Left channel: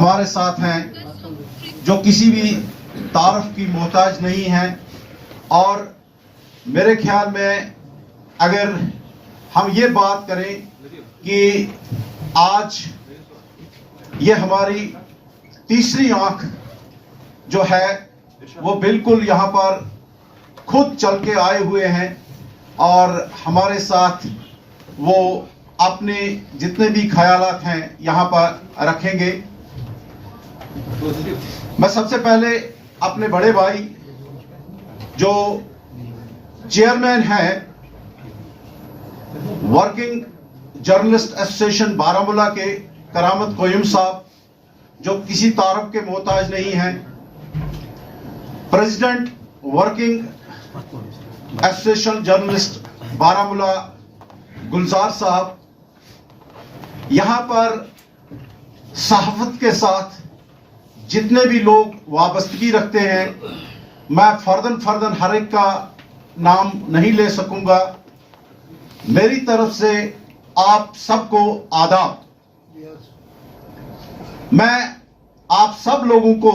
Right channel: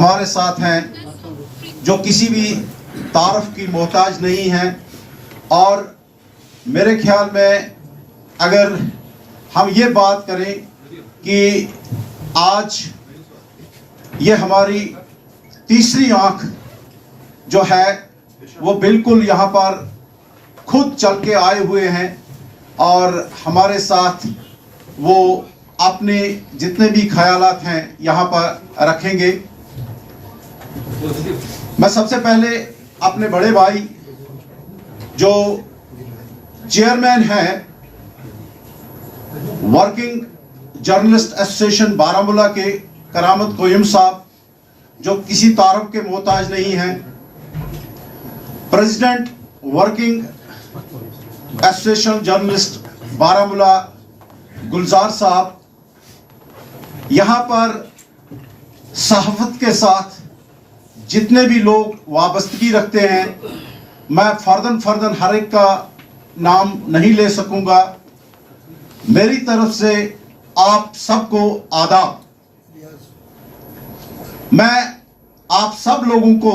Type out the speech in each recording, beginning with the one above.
हमारे साथ हैं जो किसी भी तारुफ की मोहताज नहीं हैं। और मेरे ख्याल में अगर हम ये बात करें कि आज ये हमारी तीसरी आंख जो है वो बिल्कुल यहाँ पर खुद चल के आए हुए हैं और हमारे साथ वो अपने जितने भी ख्यालात हैं यहाँ पर रखेंगे। मैं सबसे पहले अपने बड़े भाई जो चेयरमैन हैं वर्किंग जर्नलिस्ट एसोसिएशन बारामूला के करामत कोयम साहब, जो किसी तारुफ के मोहताज नहीं हैं, president working association journalist Baramulla Gulzar साहब, यहाँ पर सहाफत के साथ जितने भी लोग वाबस्तगी रखते हैं, मैं फर्दन हर एक का नाम नहीं ले सकूंगा। मेरी तरफ से आप सबको आदाब। मैं आप सब लोगों को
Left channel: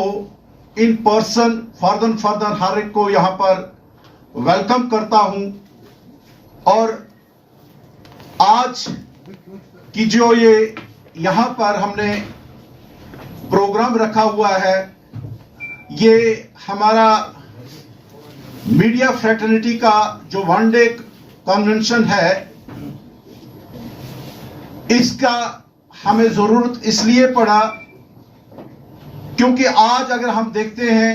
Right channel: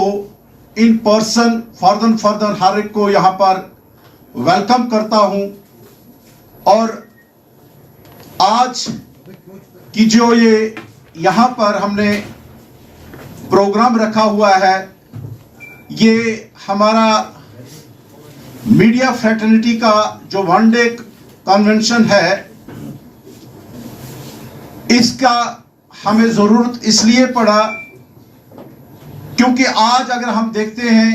इन पर्सन फर्दन हर एक को यहाँ पर वेलकम करता हूं। और आज की जो ये यहाँ पर हमने प्रोग्राम रखा हुआ है, ये हमारा मीडिया फ्रेटर्निटी का जो वन डे कन्वेंशन है, इसका हमें जरूरत इसलिए पड़ा क्योंकि आज अगर हम देखते हैं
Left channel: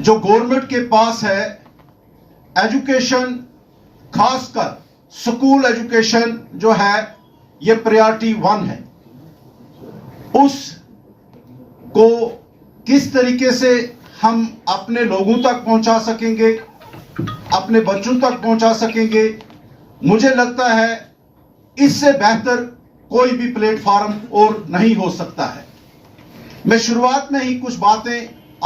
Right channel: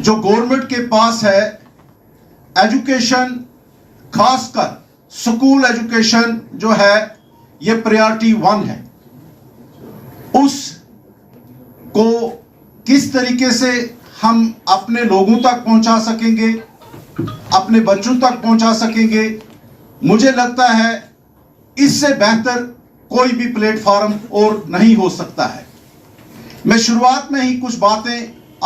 जो गवर्नमेंट के पास है एजुकेशन, खासकर स्कूल एजुकेशन जो है ये प्रायोरिटी 1 है। उस को किस तरीके से हम अपने लोगों तक पहुंचा सकेंगे, अपने बच्चों तक पहुंचा सकेंगे, मुझे लगता है इससे बेहतर कोई भी प्लेटफॉर्म और नहीं हो सकता है। मैं शुरुआत में ही कुछ बातें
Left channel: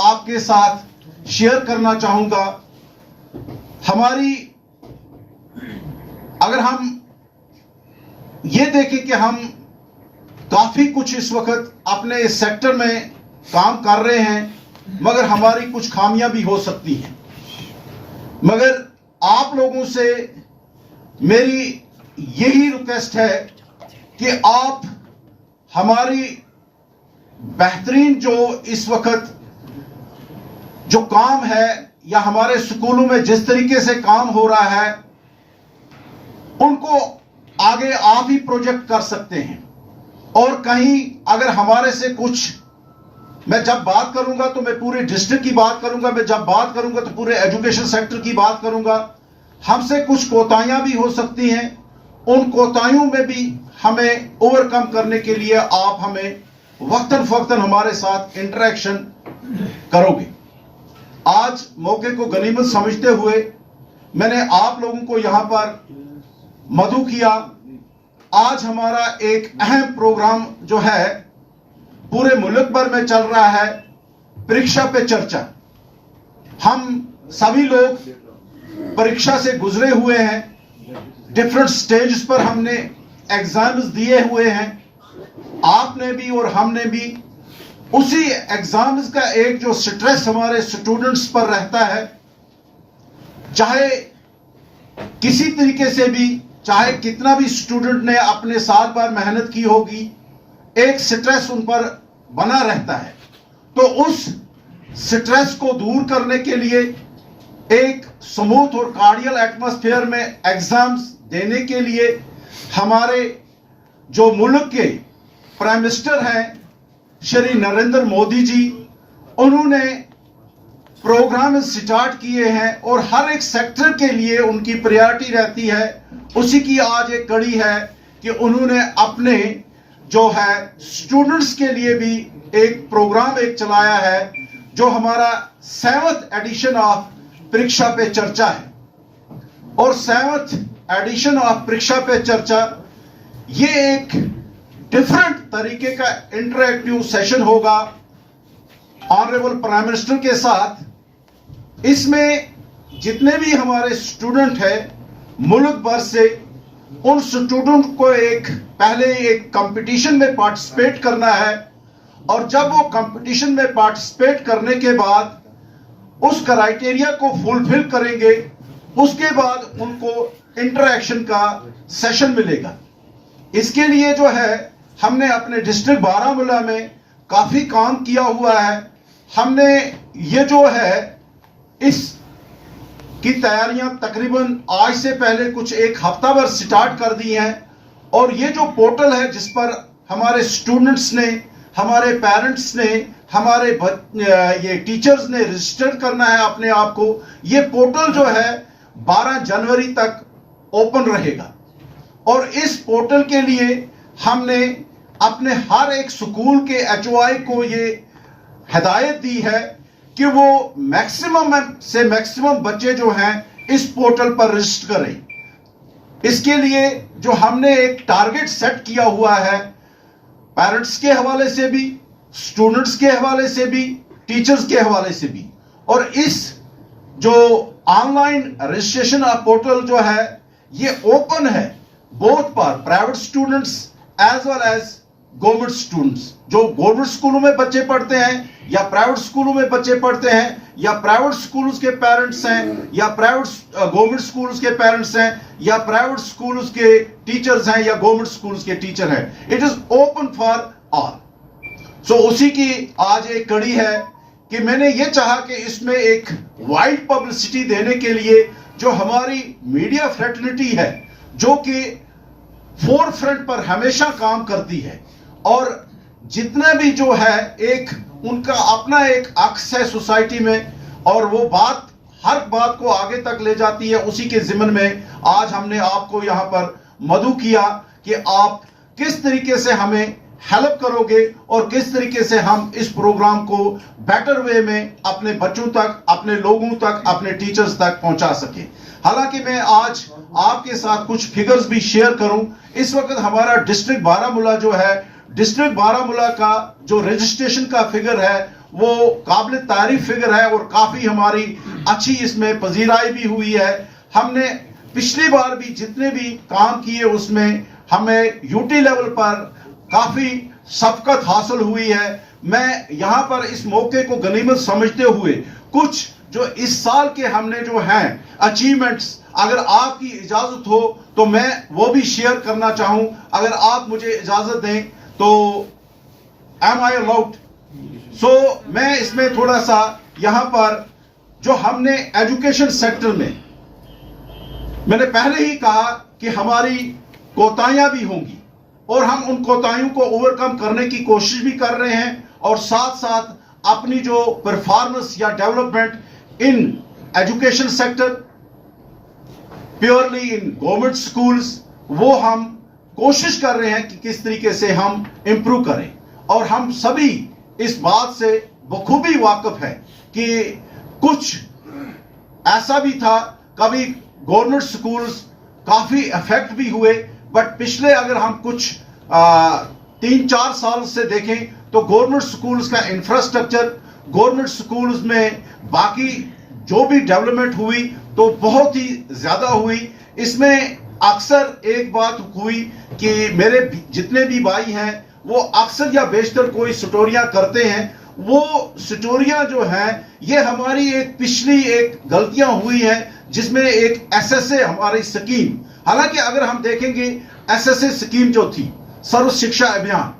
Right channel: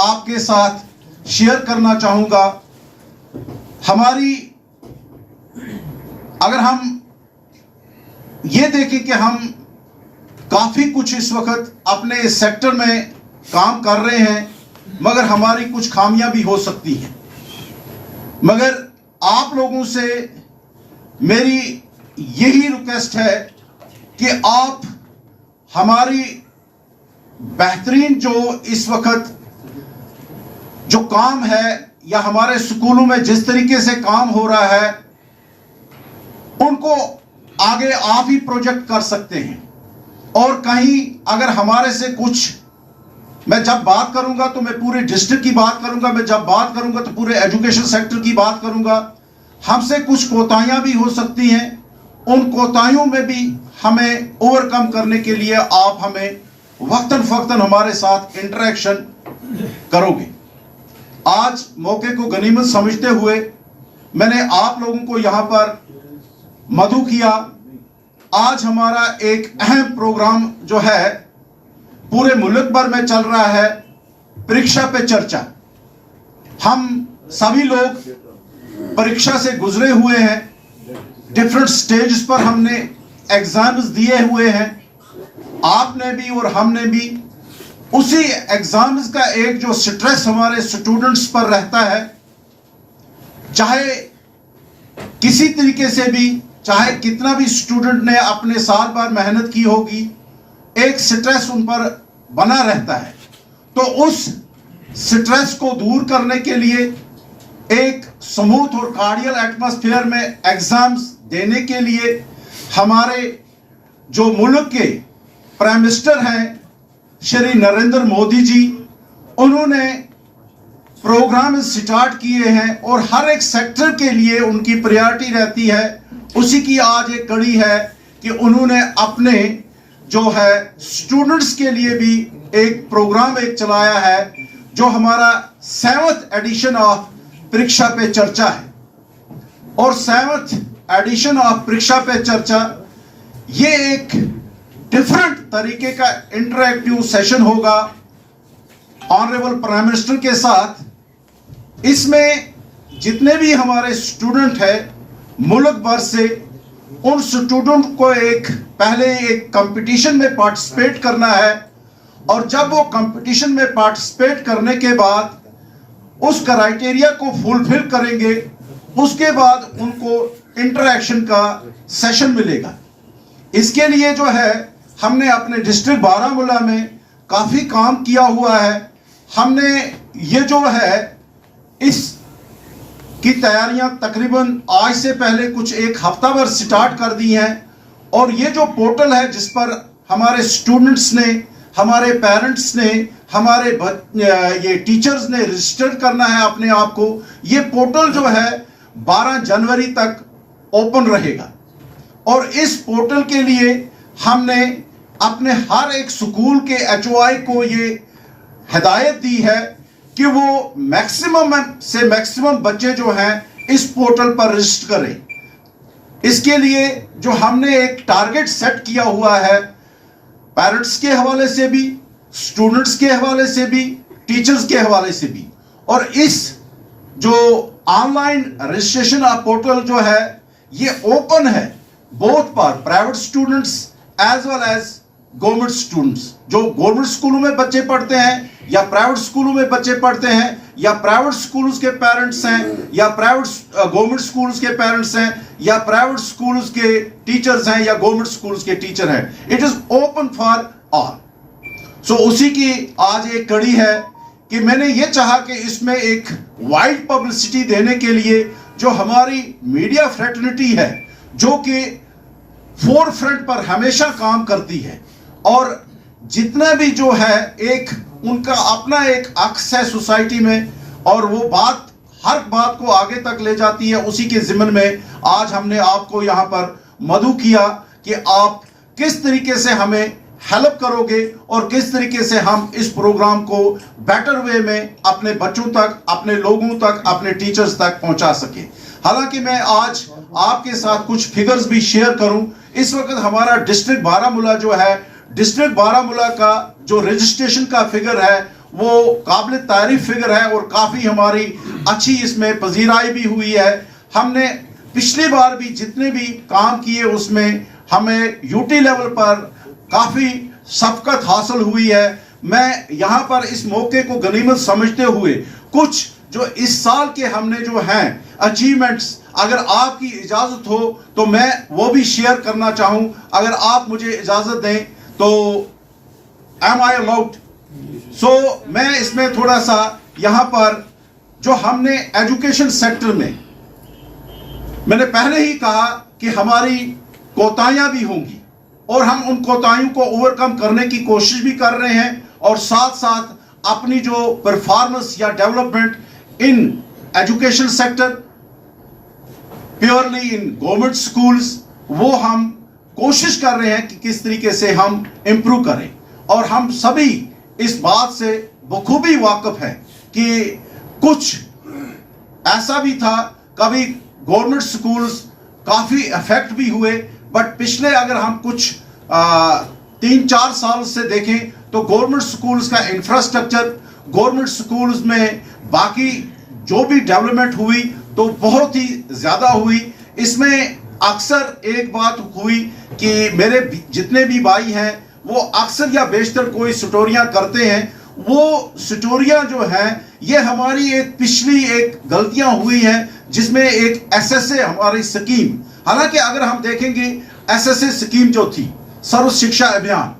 आपके साथ शेयर करना चाहूंगा। हमारी अगर हम ये देखें कि हम काफी कुछ इस वक्त अपने इस सेक्टर में काम कर रहे हैं, मगर हमारी कुछ खामियां भी हो सकती हैं। मगर आप लोगों से मेरी यही रिक्वेस्ट है कि आप हमारी बेहतरीन जो इस वक्त जो काम है या हमारे स्कूलों में जिस तरीके से काम हो रहा है, उनको आगे आप ही प्रोजेक्ट कर सकते हैं। और कहीं अगर हमारे से कुछ, मैं जब बात करूंगा तो मैं पूरे डिस्ट्रिक्ट की बात करूंगा, मैं जब बात करूंगा तो पूरे एजुकेशन सेक्टर की बात करूंगा, हमसे कुछ कोताहियां भी हो सकती हैं। उन कोताहियों में भी हमें ओवरकम करने के लिए आप हमें वक्तन फक्तन हमारे साथ इंटरेक्शन करोगे। आज मौके को गनीमत समझते हुए मैंने आप लोगों को यहां पर मदऊ किया। आज हमारा एक अहम प्रोग्राम जो है पूरे मुल्क भर में चल रहा है, परीक्षा पे चर्चा। हम सभी लोग परीक्षा से गुजरे हुए हैं, डिफरेंट स्टेज पर हमने एग्जाम्स दिए हुए हैं, आपने भी और हमने भी। उसी एग्जाम्स का एक जो स्ट्रेस हमारे स्टूडेंट्स पर रहता है, चाहे किसी तरीके से भी, चाहे कितना भी स्टूडेंट ने अपने साल भर मेहनत की होगी, एक स्ट्रेस उन पर बना रहता है। तो उस स्ट्रेस को दूर करने के लिए एक स्मूथ और कार्डियल एटमॉस्फेयर में एग्जाम्स देने के लिए हमारे जो मुल्क के प्राइम मिनिस्टर हैं श्री नरेंद्र मोदी जी, उन्होंने प्रोग्राम स्टार्ट किए हैं और हर एक सेक्टर के लिए उनकी प्रायोरिटी रहती है। उसी की आज एक कड़ी है कि उन्होंने अपने जो है स्टूडेंट्स के लिए भी एक प्रोग्राम एक चलाया है, जो हमारा 7th एडिशन ऑफ परीक्षा पे चर्चा है। और 7th एडिशन ऑफ परीक्षा पे चर्चा ये एक डिफरेंट तरीके का इंटरैक्टिव सेशन होगा ऑनरेबल प्राइम मिनिस्टर के साथ। इसमें जितने भी हमारे स्टूडेंट हैं मुल्क भर से, उन स्टूडेंट को एक पहले एक कंपटीशन में पार्टिसिपेट करना है और जब वो कंपटीशन में पार्टिसिपेट करने के बाद उस क्राइटेरिया को फुलफिल करेंगे, उसके बाद उनको इंटरैक्शन का सेशन मिलेगा। इसके लिए जो है हमने अपने डिस्ट्रिक्ट बारामूला में काफी काम किया हुआ है। हमने ये जो है इस की तैयारियां तकरीबन आज से पहले कुछ एक हफ्ता भर स्टार्ट कर दी हैं, और ये जो पोर्टल है जिस पर हमारे स्टूडेंट्स ने, हमारे पेरेंट्स ने, हमारे ये टीचर्स ने रजिस्टर करना है अपने आप को, ये पोर्टल जो है 12 जनवरी तक ओपन रहेगा। और इस पोर्टल के लिए हमने अपने हर एक स्कूल के HOI को ये हिदायत दी है कि वो मैक्सिमम से मैक्सिमम बच्चे जो हैं इस पोर्टल पर रजिस्टर करें। इसके लिए जो हमने एक टारगेट सेट किया हुआ है, पेरेंट्स के हवाले से भी, स्टूडेंट्स के हवाले से भी, टीचर्स के हवाले से भी, और इस जो ऑनलाइन रजिस्ट्रेशन पोर्टल जो है ये ओपन है both for private students as well as government students. जो गवर्नमेंट स्कूलों में बच्चे पढ़ते हैं या प्राइवेट स्कूलों में बच्चे पढ़ते हैं, या प्राइवेट स्कूल्स के पेरेंट्स हैं, या प्राइवेट गवर्नमेंट स्कूल्स के पेरेंट्स हैं, या प्राइवेट स्कूल्स के टीचर्स हैं, या गवर्नमेंट स्कूल्स के टीचर हैं। It is open for all. So उसी की आज एक कड़ी है कि मैंने ये चाहा कि इसमें एक वाइड पब्लिसिटी देने के लिए जो हमारी मीडिया फ्रेटर्निटी है, जो कि फोर फ्रंट पर हमेशा काम करती है, और जितना भी जो है एक उनका अपना एक अक्स है सोसाइटी में, और वो बात हर बात को आगे तक ले जाती है, उसी के जिम्मन में आज हमने आपको यहाँ पर मदऊ किया कि आप किस तरीके से हमें हेल्प करोगे और किस तरीके से हम इस प्रोग्राम को बेटर वे में अपने बच्चों तक, अपने लोगों तक, अपने टीचर्स तक पहुंचा सके। हालांकि मैं आज आपके साथ कुछ फिगर्स भी शेयर करूं। इस वक्त हमारा डिस्ट्रिक्ट बारामूला जो है, डिस्ट्रिक्ट बारामूला का जो रजिस्ट्रेशन का फिगर है वो काबिल तारीफ फिगर है, और काफी हमारी अच्छी इसमें पजीराई भी हुई है। हमने पिछली बार भी जितने भी काम किए उसमें हमें यूटी लेवल पर काफी सबकत हासिल हुई है। मैं यहां पर इस मौके को गनीमत समझते हुए कुछ जो इस साल के हमने जो हैं अचीवमेंट्स, अगर आपकी इजाजत हो तो मैं वो भी शेयर करना चाहूं। अगर आप मुझे इजाजत दें तो एम आई अलाउड? सो मैं इसमें थोड़ा सा यहां पर जो हमने एजुकेशन सेक्टर में, मैंने पहले ही कहा कि हमारी कोताहियां भी होंगी, और हम उन कोताहियों को ओवरकम करने की कोशिश भी कर रहे हैं, और साथ साथ अपनी जो परफॉर्मेंस या development in education sector, purely in government schools, वो हम कोशिश कर रहे हैं कि किस तरीके से हम इंप्रूव करें। और हम सभी इस बात से बखूबी वाकिफ हैं कि कुछ ऐसा भी था, कभी गवर्नमेंट स्कूल्स काफी इफेक्ट भी हुए, बट पिछले अगर हम कुछ 3-4 साल से देखें तो गवर्नमेंट स्कूल्स का इंफ्रास्ट्रक्चर, गवर्नमेंट स्कूल्स में बाकी जो भी डेवलपमेंट हुई तो बहुत ही ज्यादा हुई। इसमें अक्सर एक बात हुई कि मेरे जितने भी भाई हैं वो अक्सर या बेशतर कोई स्टोरियां करते हैं, वो स्टोरियां जो हैं ये हमारी एक पिछली एक गलतियां हुई हैं, जिसमें एक SSA हमारी स्कीम, हालांकि अगर हम देखेंगे SSA स्कीम जो थी, सर्व शिक्षा अभियान,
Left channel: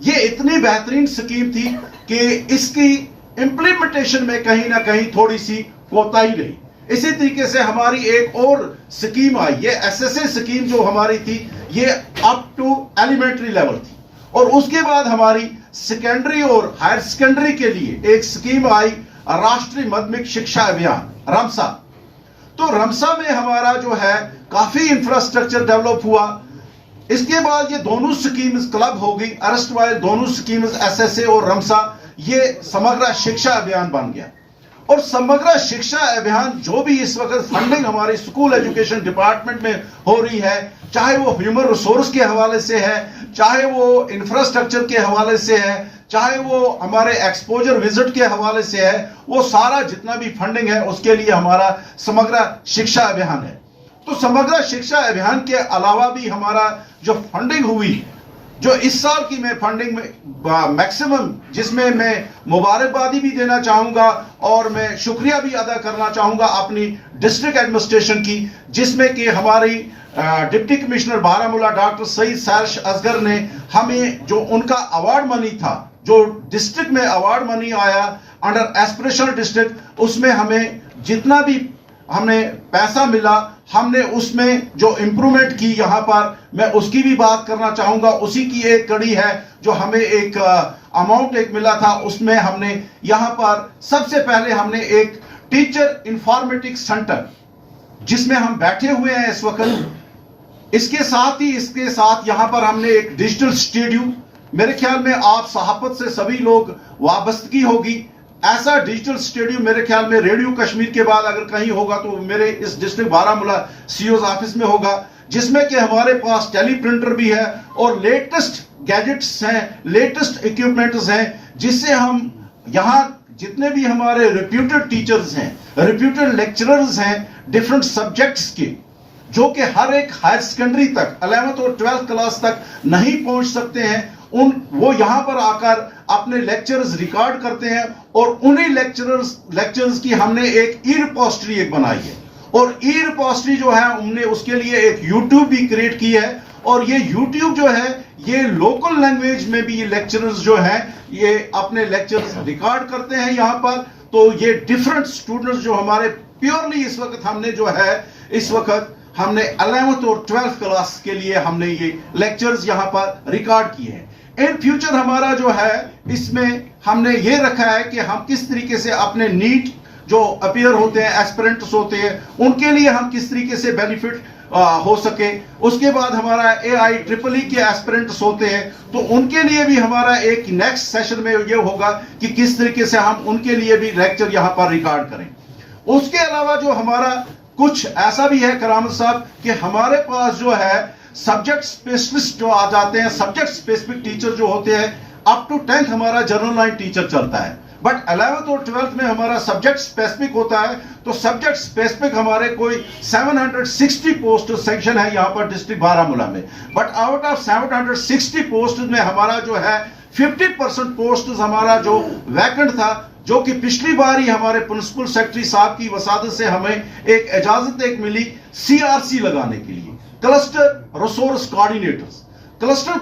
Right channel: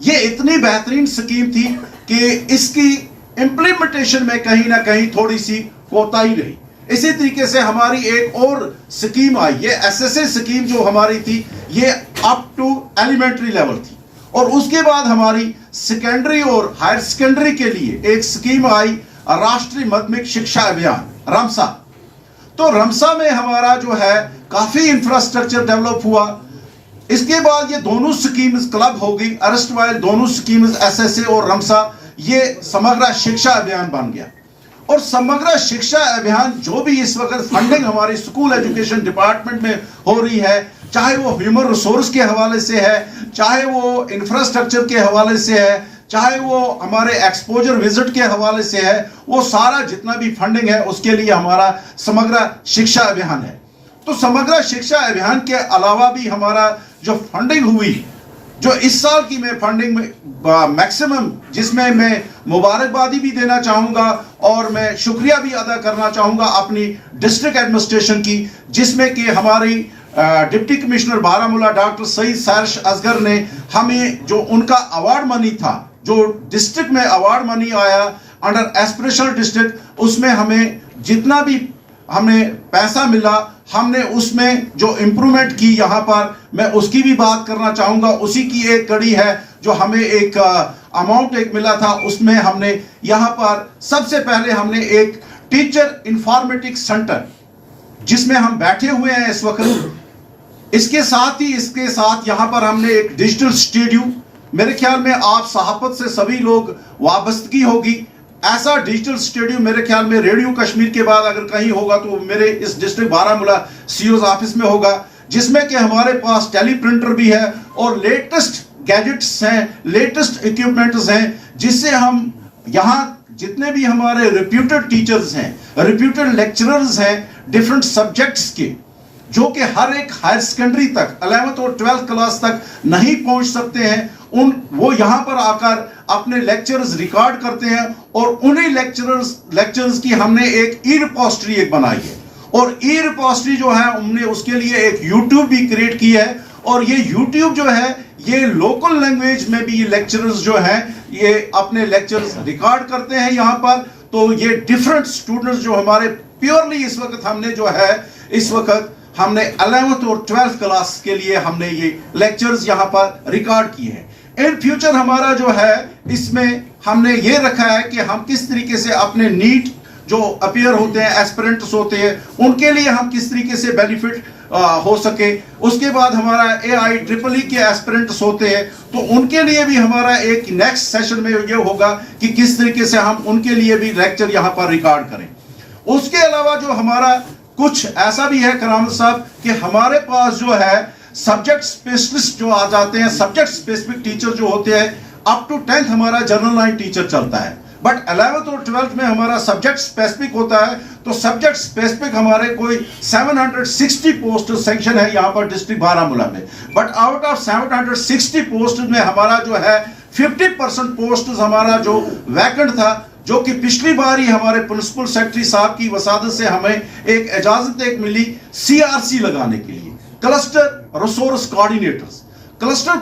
ये इतनी बेहतरीन स्कीम थी कि इसकी इंप्लीमेंटेशन में कहीं ना कहीं थोड़ी सी कोताही रही। इसी तरीके से हमारी एक और स्कीम आई, ये SSA स्कीम जो हमारी थी ये अप टू एलिमेंट्री लेवल थी, और उसके बाद हमारी सेकेंडरी और हायर सेकेंडरी के लिए एक स्कीम आई, राष्ट्रीय माध्यमिक शिक्षा अभियान, रमसा। तो रमसा में हमारा जो है काफी इंफ्रास्ट्रक्चर डेवलप हुआ। इसके बाद ये दोनों स्कीम्स क्लब हो गई, अरेस्ट वाइल दोनों स्कीम्स SSA और रमसा, ये समग्र शिक्षा अभियान बन गया। और समग्र शिक्षा अभियान जो भी इस वक्त फंडिंग हमारी स्कूल एजुकेशन डिपार्टमेंट में हो रही है, चाहे वो ह्यूमन रिसोर्स के हवाले से है, चाहे वो इंफ्रास्ट्रक्चर के हवाले से है, चाहे वो हमारे एक्सपोजर विजिट के हवाले से है, वो सारा जितना भी फंडिंग है उसके लिए हमारा समग्र शिक्षा अभियान है। तो समग्र शिक्षा अभियान के अलावा भी हमारा जो फंडिंग हुई जो इस साल की मैं फंडिंग में मैक्सिमम, जिसमें मैं मुबारकबादी भी देना चाहूंगा और मैं शुक्रिया भी अदा करना चाहूंगा अपनी डिस्ट्रिक्ट एडमिनिस्ट्रेशन की, जिसमें कि हमारी deputy commissioner Baramulla doctor Saeed Sarish Asghar ने हमें जो उनका अवार्ड मनी था, जो डिस्ट्रिक्ट में अवार्ड मनी आया अंडर एस्पिरेशनल डिस्ट्रिक्ट, उसमें हमें जितना भी हमें पैसा मिला, हमने उसमें जो इंप्रूवमेंट की यहाँ पर, मैं उसकी भी बात करना चाहूंगा। उसी की एक कड़ी है जो हमें एक अमाउंट एक मिला था, उसमें हमने यहाँ पर सबसे पहले हमने एक टीचर इंफॉर्मेटिक्स सेंटर जिसमें हम बैठे हुए हैं इस वक्त, इसके साथ यहाँ पर हमने एक डिजिटल स्टूडियो, मेरे ख्याल में आप सहाफत से सभी लोग वाबस्तगी होगी, ऐसा डिजिटल स्टूडियो मेरे ख्याल में रेडियो कश्मीर के बाद अगर कहीं होगा तो मेरे इस डिस्ट्रिक्ट बारामूला सीईओ ऑफिस में होगा, जिसमें कि हमारे पास टेली प्रिंटर भी है और लेटेस्ट गैजेट्स हैं, लेटेस्ट इक्विपमेंट्स हैं, जिससे हम यहाँ जितने भी हमारे रिप्यूटेड टीचर्स हैं, रिप्यूटेड लेक्चरर्स हैं डिफरेंट सब्जेक्ट्स के, जो कि हर एक हायर सेकेंडरी तक 11th और 12th क्लास तक नहीं पहुंच सकते हैं, वो यहां पर आकर अपने लेक्चर्स रिकॉर्ड करते हैं और उन्हीं लेक्चर्स की हमने एक ई रिपोजिटरी एक बनाई है। और ई रिपोजिटरी जो है हमने उसके लिए एक यूट्यूब भी क्रिएट की है, और ये यूट्यूब जो है ये लोकल लैंग्वेज में भी ये लेक्चरर्स जो हैं ये अपने लेक्चर्स रिकॉर्ड करते हैं यहाँ पर। तो ये डिफरेंट स्टूडेंट्स जो हमारे प्योरली इस वक्त हमने जो है इस वक्त हमने 11th और 12th क्लास के लिए हमने ये लेक्चर्स यहाँ पर रिकॉर्ड किए हैं। इन फ्यूचर हमारा जो है इसमें हमने ये रखा है कि हम किस तरीके से अपने नीट जो अपीयर होते हैं, एस्पिरेंट्स होते हैं, उनके लिए हम किस तरीके से बेनिफिट हो सके। उसके बाद हमारा AIEEE के एस्पिरेंट्स होते हैं, तो उनके लिए भी हमारा एक नेक्स्ट सेशन में ये होगा कि किस तरीके से हम उनके लिए भी लेक्चर यहाँ पर रिकॉर्ड करें। उसके अलावा जो हमारा कुछ ऐसा भी है करामत साहब कि हमारे पास जो है सब्जेक्ट स्पेशलिस्ट जो आ जाते हैं, सब्जेक्ट स्पेसिफिक टीचर जो होते हैं, अप टू 10th हमारा जनरल लाइन टीचर चलता है, बट 11th और 12th में हमारा सब्जेक्ट स्पेसिफिक होता है। तो सब्जेक्ट स्पेसिफिक हमारे कोई 760 पोस्ट सेक्शन है यहाँ पर डिस्ट्रिक्ट बारामूला में, बट आउट ऑफ 760 पोस्ट में हमारा जो है 50% पोस्ट हमारा जो वैकेंट था, जो कि पिछली बार ही हमारे प्रिंसिपल सेक्रेटरी साहब की वसादत से हमें एक इजाजत एक मिली CRC लगाने के लिए, cluster resource coordinators. Cluster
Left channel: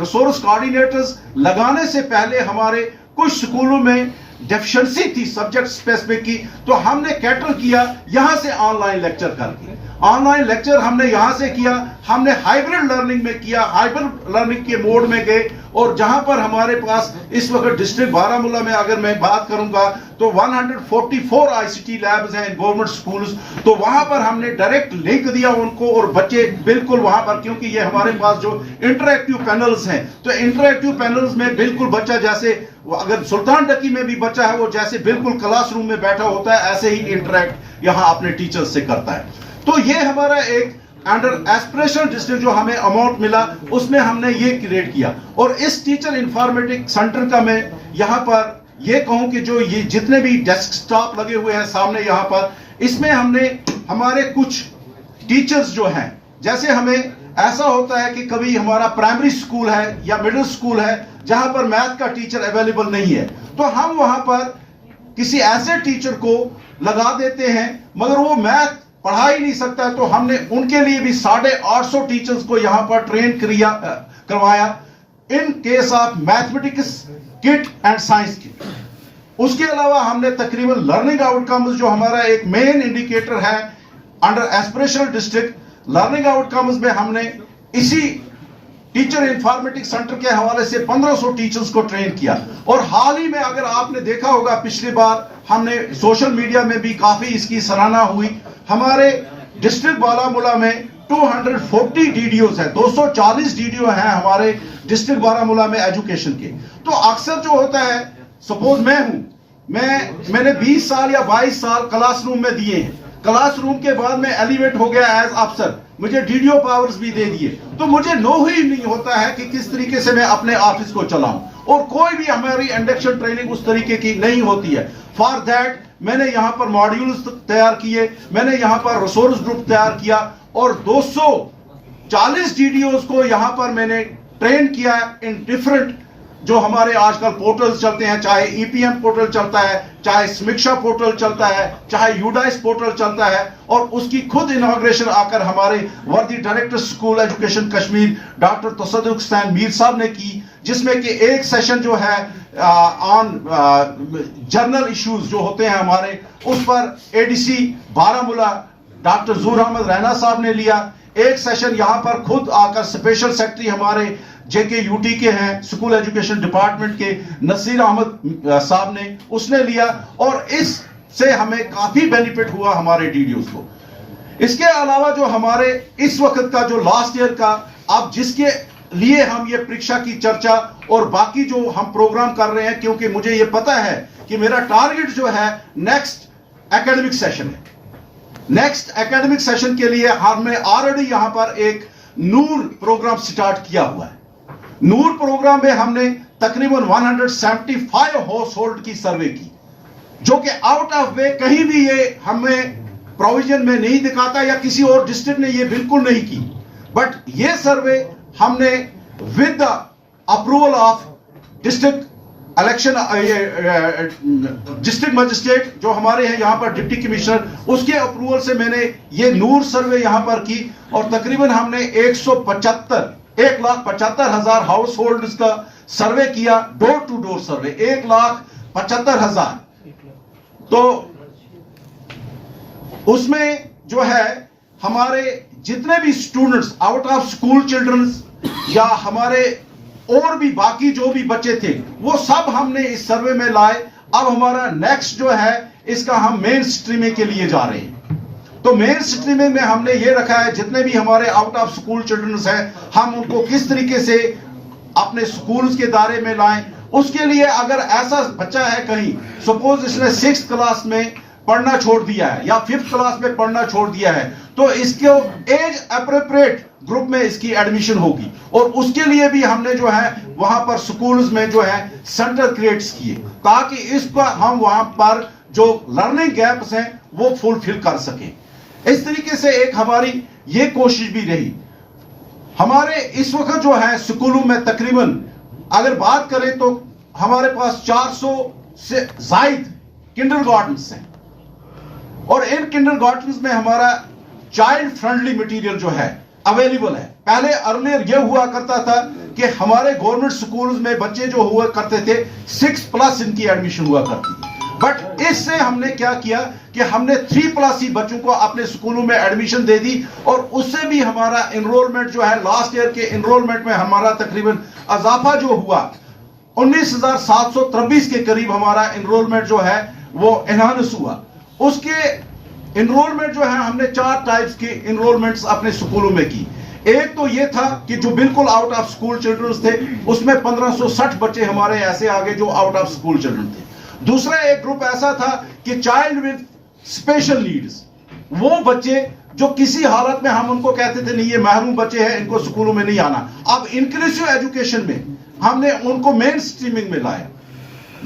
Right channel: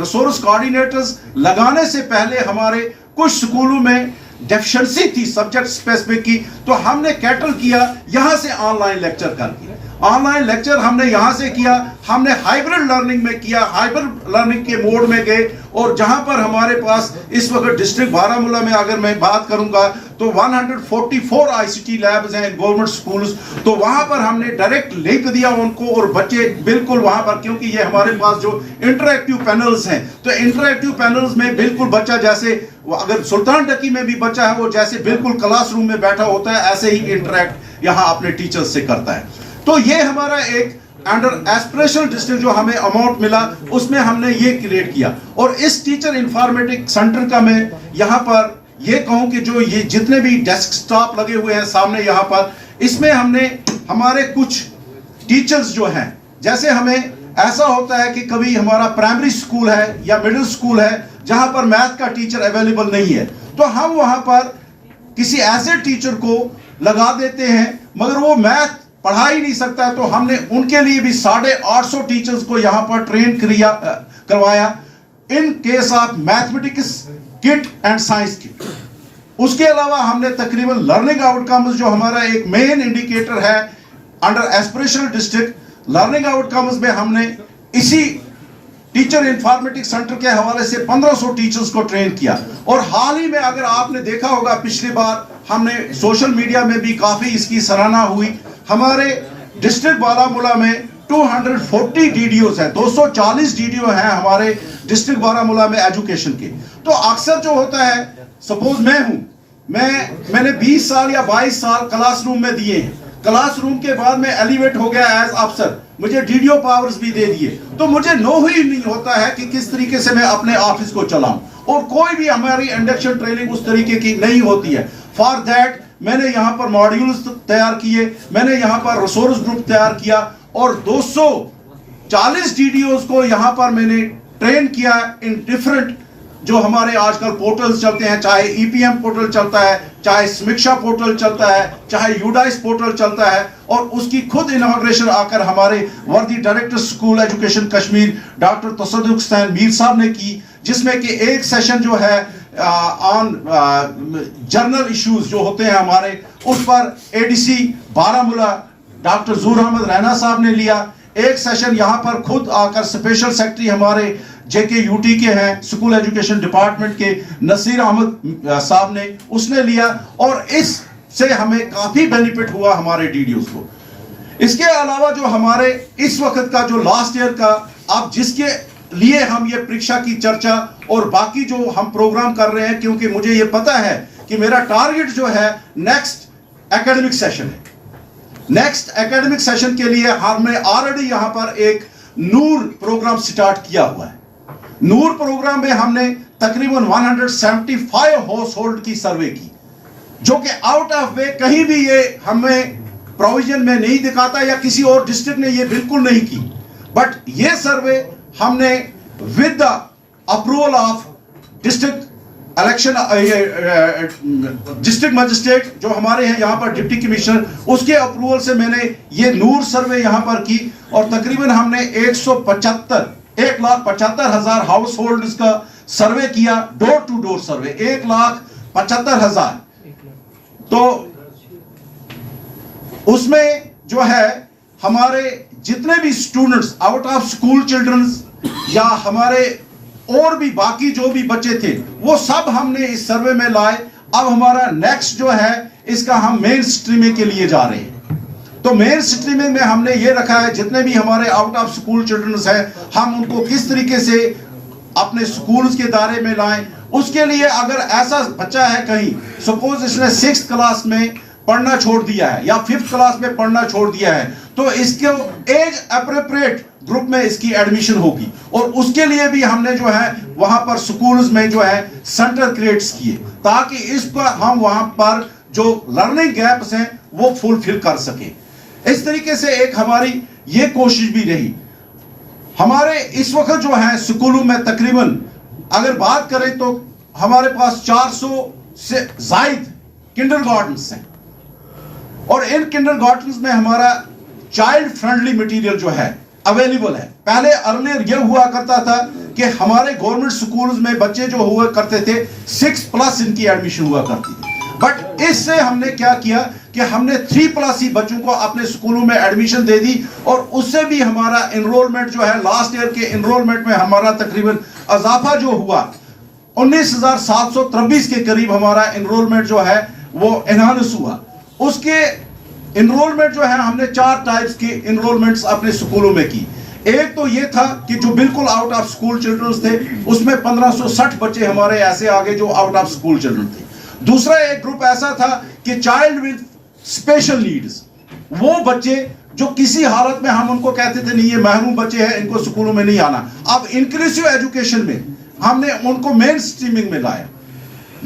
resource coordinators लगाने से पहले हमारे कुछ स्कूलों में डेफिशिएंसी थी सब्जेक्ट स्पेसिफिक की, तो हमने कैटर किया यहां से ऑनलाइन लेक्चर करके। ऑनलाइन लेक्चर हमने यहां से किया, हमने हाइब्रिड लर्निंग में किया, हाइब्रिड लर्निंग के मोड में गए, और जहां पर हमारे पास इस वक्त डिस्ट्रिक्ट बारामूला में अगर मैं बात करूंगा तो 144 ICT लैब्स हैं गवर्नमेंट स्कूल्स, तो वहां पर हमने डायरेक्ट लिंक दिया उनको, और बच्चे बिल्कुल वहां पर, क्योंकि ये हमारे पास जो इंटरएक्टिव पैनल्स हैं, तो इंटरएक्टिव पैनल्स में बिल्कुल बच्चा जैसे अगर सुल्तान डकी में भी बच्चा है वो जैसे बिल्कुल क्लासरूम में बैठा होता है, ऐसे ही इंटरैक्ट यहां अपने टीचर्स से करता है। तो ये हमारा एक अंडर एस्पिरेशनल डिस्ट्रिक्ट जो हमें अमाउंट मिला उसमें हमने ये क्रिएट किया। और इस टीचर इंफॉर्मेटिक सेंटर का मैं यहाँ पर ये कहूँ कि जो ये जितने भी डेस्कटॉप लगे हुए हैं सामने यहाँ पर, इसमें हमने हमारे कुछ टीचर्स जो हैं, जैसे हमें ऐसा होता है कि कभी हमारा प्राइमरी स्कूल है या मिडिल स्कूल है जहां पर मैथ का टीचर अवेलेबल नहीं है, तो हम वहां पर किसी ऐसे टीचर को लगा देते हैं, मगर वो मैथ पढ़ा ही नहीं सकता, तो हमने उनके लिए भी 850 टीचर्स को यहां पर ट्रेन करवाया in case of mathematics kit and science kit. उसके अलावा हमने तकरीबन लर्निंग आउटकम्स जो हमारा एक मेन इंडिकेटर है under aspirational district, learning outcomes में हमने इसी टीचर इंफॉर्मेटिक्स सेंटर के हवाले से 1500 टीचर्स को ट्रेन किया। और हाल ही में अगर आपने देखा होगा, पिछली बार हमने सोशल मीडिया में भी काफी इसकी सराहना हुई, हमारे डिस्ट्रिक्ट बारामूला में 240 DDOs है, 240 DDO हैं हमारे डिस्ट्रिक्ट बारामूला में एजुकेशन के। तो अक्सर जो होता है, सपोज मैं हूं, मैंने 20 साल या 22 साल क्लासरूम में दिए हैं, क्लासरूम के बाद में एलिवेट हो गया एज अफसर, मुझे DDO पावर्स भी दे दिए, तो मुझे नो ही नहीं होता है कि किस तरीके से मैं अपने ऑफिस को चलाऊं, और कोई भी हमारी इंडक्शन ट्रेनिंग उस तरीके की नहीं होती है। फॉर दैट मैंने यहाँ पर मॉड्यूल्स तैयार किए, मैंने यहाँ पर रिसोर्स ग्रुप तैयार किया, और 240 DDOs को यहाँ पर मैंने ट्रेन किया इन डिफरेंट जो हमारे आजकल पोर्टल्स चलते हैं, चाहे ईपीएम पोर्टल चलता है, चाहे समीक्षा पोर्टल चलता है, चाहे यूडाइस पोर्टल चलता है, और उसकी खुद इनॉग्रेशन आकर हमारे worthy director school education Kashmir doctor Tasaduq Hussain Mir साहब ने की, जिसमें कि एक सेशन जो है ऑन जर्नल इश्यूज जो होते हैं हमारे, उस पर एडीसी बारामूला डॉक्टर ज़ूर अहमद रैना साहब ने लिया। एक सेशन यहाँ पर खुद आकर स्पेशल सेक्रेटरी हमारे जेके यूटी के हैं, स्कूल एजुकेशन डिपार्टमेंट के नसीर अहमद साहब ने, उसने लिया, और इससे हमें काफी बेनिफिट हुआ हमारे डीडीओ को। इसके अलावा जो हमारे इस वक्त का जो लास्ट ईयर का, अब जिसके लिए हम ये परीक्षा की चर्चा और बाकी जो हम प्रोग्राम कर रहे हैं, क्योंकि मुझे ये पता है कि मेरा टारगेट जो है नेक्स्ट एकेडमिक सेशन है। नेक्स्ट एकेडमिक सेशन के लिए हमने ऑलरेडी यहां पर एक नूर प्रोग्राम स्टार्ट किया हुआ है। नूर प्रोग्राम में हमने तकरीबन 175 हाउस होल्ड की सर्वे की, जो कि आउट ऑफ वे कहीं भी ये हमें प्रोविजन में नहीं दिखाता, या किसी और डिस्ट्रिक्ट ने ये बिल्कुल नहीं की। बट ये सर्वे हमने with the approval of district election district magistrate जो हमारे हैं यहाँ पर डिप्टी कमिश्नर, उसके अप्रूवल से मैंने ये नूर सर्वे यहाँ पर की, और तकरीबन हमने 1,75,000 हाउस होल्ड का सर्वे किया, डोर टू डोर सर्वे 1,75,000। तो उसमें जो है हमारे जितने भी students out of school childrens या हमारे और भी बाकी जो भी बच्चे थे, वो सब हमने इस सर्वे में लाए। अब हमारा नेक्स्ट जो है इसका हम मेन स्ट्रीमिंग के लिए जा रहे हैं। तो मेन स्ट्रीमिंग में हमने ये रखा है जितने भी हमारे आउट ऑफ स्कूल चिल्ड्रंस हैं, हम उनको किस तरीके से अपने स्कूल्स के दायरे में लाएं। उसके लिए अगर ऐसा बच्चा है कहीं, सपोज इसने 6th क्लास में पढ़ना छोड़ दिया है या 5th क्लास में पढ़ना छोड़ दिया है, तो इसको एज अप्रोप्रिएट ग्रुप में इसकी एडमिशन होगी, और उसके लिए भी हमने जो है वहां पर स्कूल्स में जो है सेंटर क्रिएट्स किए, ताकि इस पर हम वहां पर जो लर्निंग गैप्स हैं वो फुलफिल कर सके। इस तरीके से एक हमारी ये कोशिश भी रही। हमारे इस वक्त जो है स्कूलों में तकरीबन अगर बात करें तो हमारे पास 400 से ज्यादा किंडरगार्टन्स हैं, और इन किंडरगार्टन्स में हमारा चाइल्ड फ्रेंडली मटेरियल जो है अवेलेबल है। पहले अर्लियर यह हुआ करता था कि हमारे गवर्नमेंट स्कूल्स में बच्चे जो हुआ करते थे 6+ इनकी एडमिशन हुआ करती थी, बट इससे हमने क्या किया कि हमने 3+ ही बच्चों को अपने स्कूलों में एडमिशन दे दी, और उससे भी हमारा एनरोलमेंट जो है लास्ट ईयर के एनरोलमेंट में हमारा तकरीबन इजाफा जो हुआ 19,723 के करीब हमारा एनरोलमेंट जो है वो एनहांस हुआ। उसके एनरोलमेंट जो है हमने 4 टाइप्स के एनरोलमेंट्स अपने स्कूलों में की। एक तो ये था कि जो बिल्कुल आउट ऑफ स्कूल चिल्ड्रंस थे, उसमें 1560 बच्चे हमारे ऐसे आगे जो आउट ऑफ स्कूल चिल्ड्रन थे। दूसरा एक ग्रुप ऐसा था कि चाइल्ड विद स्पेशल नीड्स, वो बच्चे जो किसी हालत में हम उनको कहते थे नहीं ये महरूम बच्चे हैं, इनको स्कूलों में नहीं आना। अब इंक्लूसिव एजुकेशन में हमने उनको मेन स्ट्रीमिंग में लाया।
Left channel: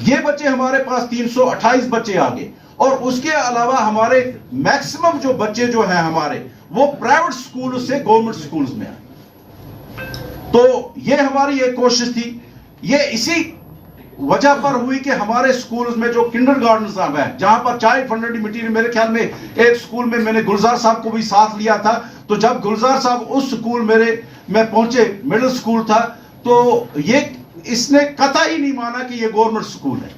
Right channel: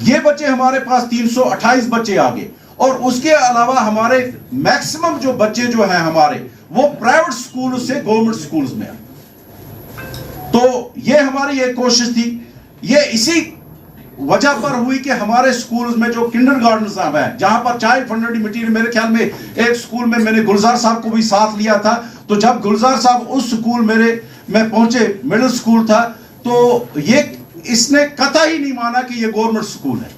ये बच्चे हमारे पास 328 बच्चे आ गए, और उसके अलावा हमारे मैक्सिमम जो बच्चे जो हैं हमारे वो प्राइवेट स्कूल से गवर्नमेंट स्कूल्स में आए। तो ये हमारी एक कोशिश थी। ये इसी वजह पर हुई कि हमारे स्कूल्स में जो किंडरगार्टन्स है, जहां पर चाइल्ड फ्रेंडली मटेरियल, मेरे ख्याल में एक स्कूल में मैंने गुलजार साहब को भी साथ लिया था। तो जब गुलजार साहब उस स्कूल में पहुंचे, मिडिल स्कूल था, तो ये इसने कतई नहीं माना कि ये गवर्नमेंट स्कूल है।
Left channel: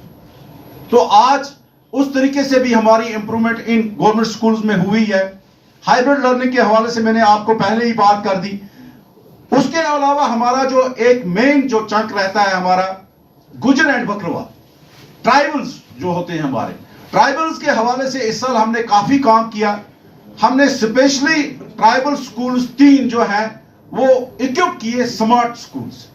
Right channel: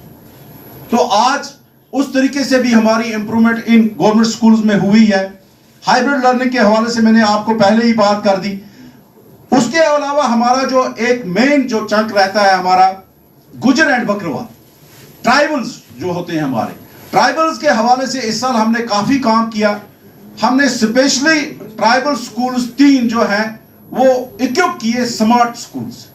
तो आज उस तरीके से भी हमारी इंप्रूवमेंट इन गवर्नमेंट स्कूल्स में हुई है। हाइब्रिड लर्निंग के हवाले से मैंने आपको पहले ही बात कर दी। उसके अलावा हमारा जो एक मेन जो चंक रहता है हमारा गुजर एंड बकरवा ट्राइबल्स जो होते हैं, हमारे ट्राइबल्स के हवाले से इस साल हमने काफी काम किया। हमने स्पेशली ट्राइबल स्कूल्स 3 जो हैं वो इक्विप किए स्मार्ट स्कूल्स।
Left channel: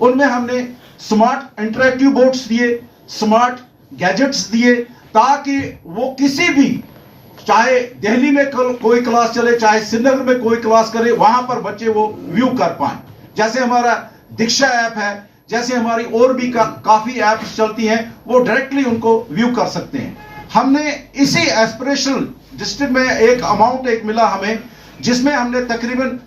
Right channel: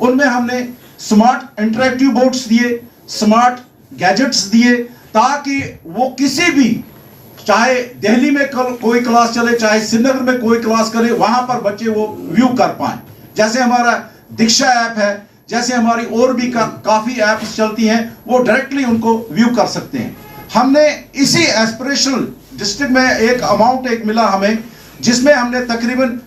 उनमें हमने स्मार्ट इंटरेक्टिव बोर्ड्स दिए, स्मार्ट गैजेट्स दिए, ताकि वो किसी भी, चाहे दिल्ली में कोई क्लास चले, चाहे श्रीनगर में कोई क्लास करे, वहां पर बच्चे वो व्यू कर पाए। जैसे हमारा दीक्षा ऐप है, जैसे हमारी और भी काफी ऐप्स चलती हैं, वो डायरेक्टली उनको व्यू कर सकते हैं। हमने इसी एस्पिरेशनल डिस्ट्रिक्ट में एक अमाउंट मिला हमें, जिसमें हमने तकरीबन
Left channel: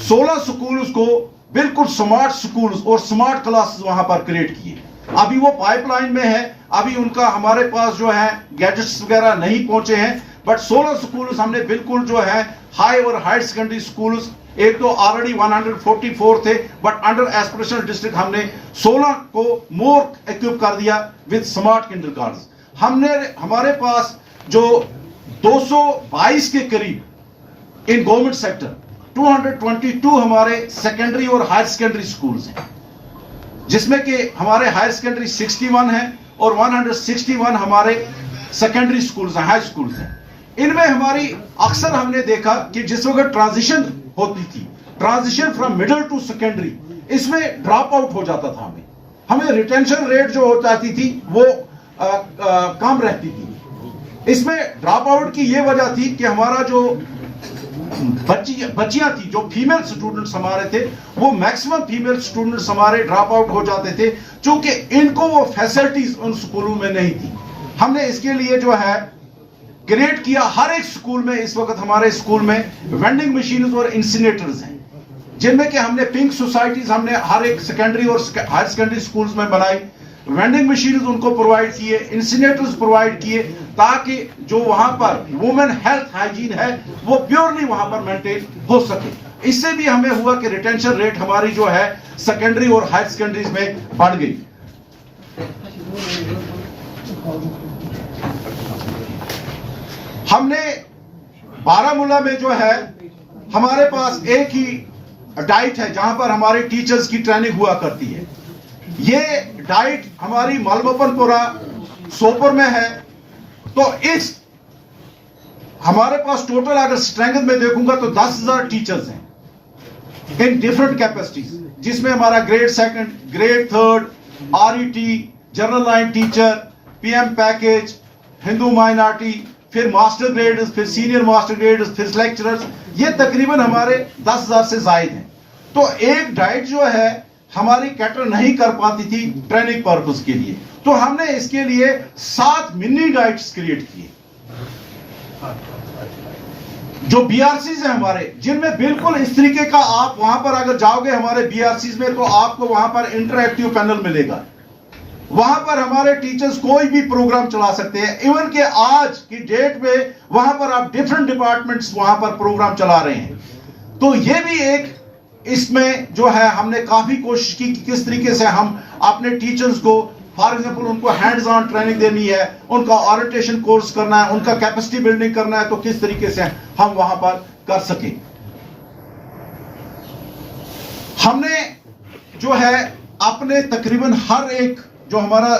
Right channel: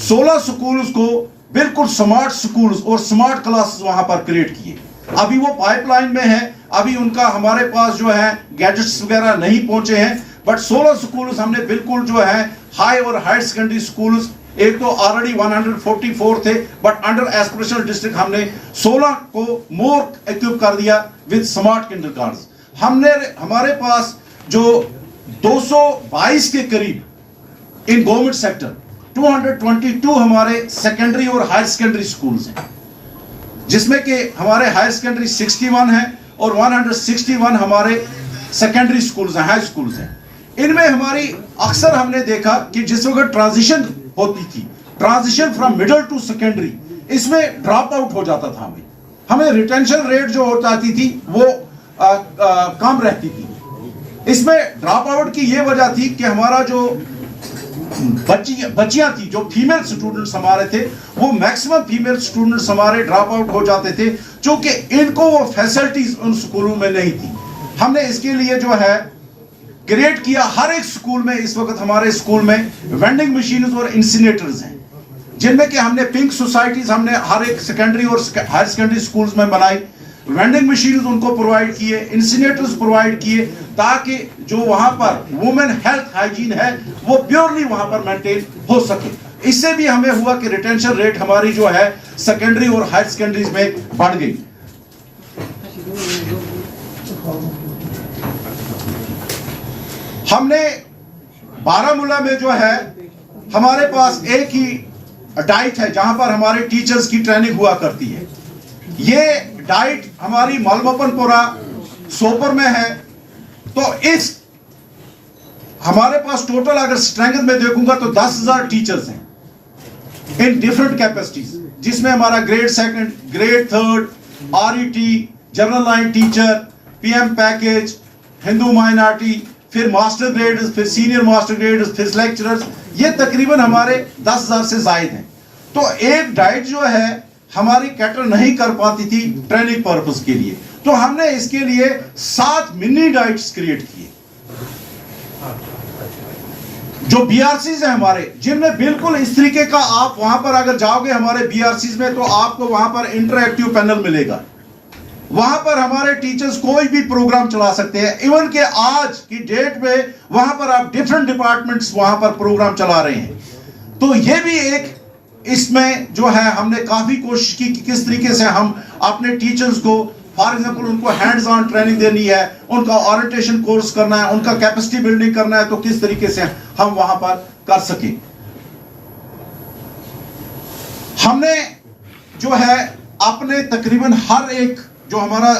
16 स्कूल्स को बिल्कुल स्मार्ट स्कूल्स और स्मार्ट क्लासेस वहां पर क्रिएट किए। अभी वो पाइपलाइन में है, अभी उनका हमारे पास जो है गैजेट्स वगैरह नहीं पहुंचे हैं, बट 16 स्कूल्स हमने बिल्कुल जो है हाई और हायर सेकेंडरी स्कूल्स, एक तो ऑलरेडी 144 थे, बट अंडर एस्पिरेशनल डिस्ट्रिक्ट हमने 16 को मोर इक्विप कर दिया विद स्मार्ट किंडरगार्टन्स। हमने हमारे पास जो 222 के करीब इन गवर्नमेंट सेक्टर 222 हमारे सेकेंडरी और हायर सेकेंडरी स्कूल्स हैं, जिसमें कि हमारे हायर सेकेंडरी 61 है और 161 हमारे सेकेंडरी स्कूल्स हैं, हाई स्कूल्स हैं। इनमें हमारी अक्सर हमने देखा कि जिस वक्त ट्रांजिशन होती थी, transition from middle to secondary, इसमें ड्रॉप आउट हो जाता था। हमें रिटेंशन रेट जो हो जाती थी वो कम रहती थी। इसमें ड्रॉप आउट की ये वजह थी कि हमारा जो बच्चियां थी, जो फीमेल स्टूडेंट्स हमारे थे, वो मैक्सिमम फीमेल स्टूडेंट्स हमारे ड्रॉप आउट हो जाते थे, क्योंकि इनको वो फैसिलिटीज उन स्कूलों में नहीं थी। हमने इसके लिए जो है क्रिएट किया, हर एक स्कूल में इस वक्त हमारे स्कूल में वेंडिंग मशीन्स और इंसिनेटर्स हैं, जिनमें कि हमने पिंक सोसाइटीज हमने हर एक सेकेंडरी और हायर सेकेंडरी स्कूल्स में बनाई, वेंडिंग मशीन्स उनको प्रोवाइड किए, इंसिनेटर्स प्रोवाइड किए, ताकि जो वहां पर वुमेन हेल्थ हाइजीन है वो प्योरली वहां पर मेंटेन हो सके। इससे भी हमें हुआ कि रिटेंशन रेट हमारी जो है सेकेंडरी और हायर सेकेंडरीज में बढ़ गई। हमने बारामूला में जो है हमारे पास एक ही डाइट है जहां पर हमारे टीचर्स की ट्रेनिंग हुआ करती है। ये डाइट हमारी मालवपनपुरा सोपर में है। तो इस हमारे पास टोटल अगर स्ट्रेंथ में देखूंगा तो 10,000 टीचर्स हैं इन डिफरेंट कैपेसिटीज, जिसमें हमारा grade second, grade third, RET, general line teacher, PM package, Hindu minority, फिर मास्टर ग्रेड, फिर सीनियर मास्टर ग्रेड, फिर लेक्चरर्स, ये तकरीबन हमारे 10,000 से जायद हैं। तो एक डाइट जो है हमारी कैटर नहीं कर पाती थी ट्रेनिंग पर्पस के लिए, तो हमने इसके लिए 7 मिनी डाइट्स क्रिएट किए, जो बीआरसीज है हमारे, जिनमें बिल्कुल इस तरीके का, आप वहां पर अगर जाओगे हमारे बीआरसीज में तो आपको वहां पर इंटरएक्टिव पैनल मिलेगा। वहां पर हमारे टीचर्स कोई भी प्रोग्राम चला सकते हैं, इवन कि आज की डेट में वहां पर आप डिफरेंट डिपार्टमेंट्स वहां पर प्रोग्राम चला रहे हैं। तो ये भी एक इसमें जो है हमने काफी कोशिश की कि किस तरीके से हम अपने टीचर्स को, फॉर एग्जांपल उनको हैंड्स ऑन ट्रेनिंग देनी है, उनका ओरिएंटेशन कोर्स करना है, उनका कैपेसिटी बिल्डिंग करना है, तो किस तरीके से हम वहां पर कर सके। हमने जो है अपने तकरीबन हर एक जो हमारा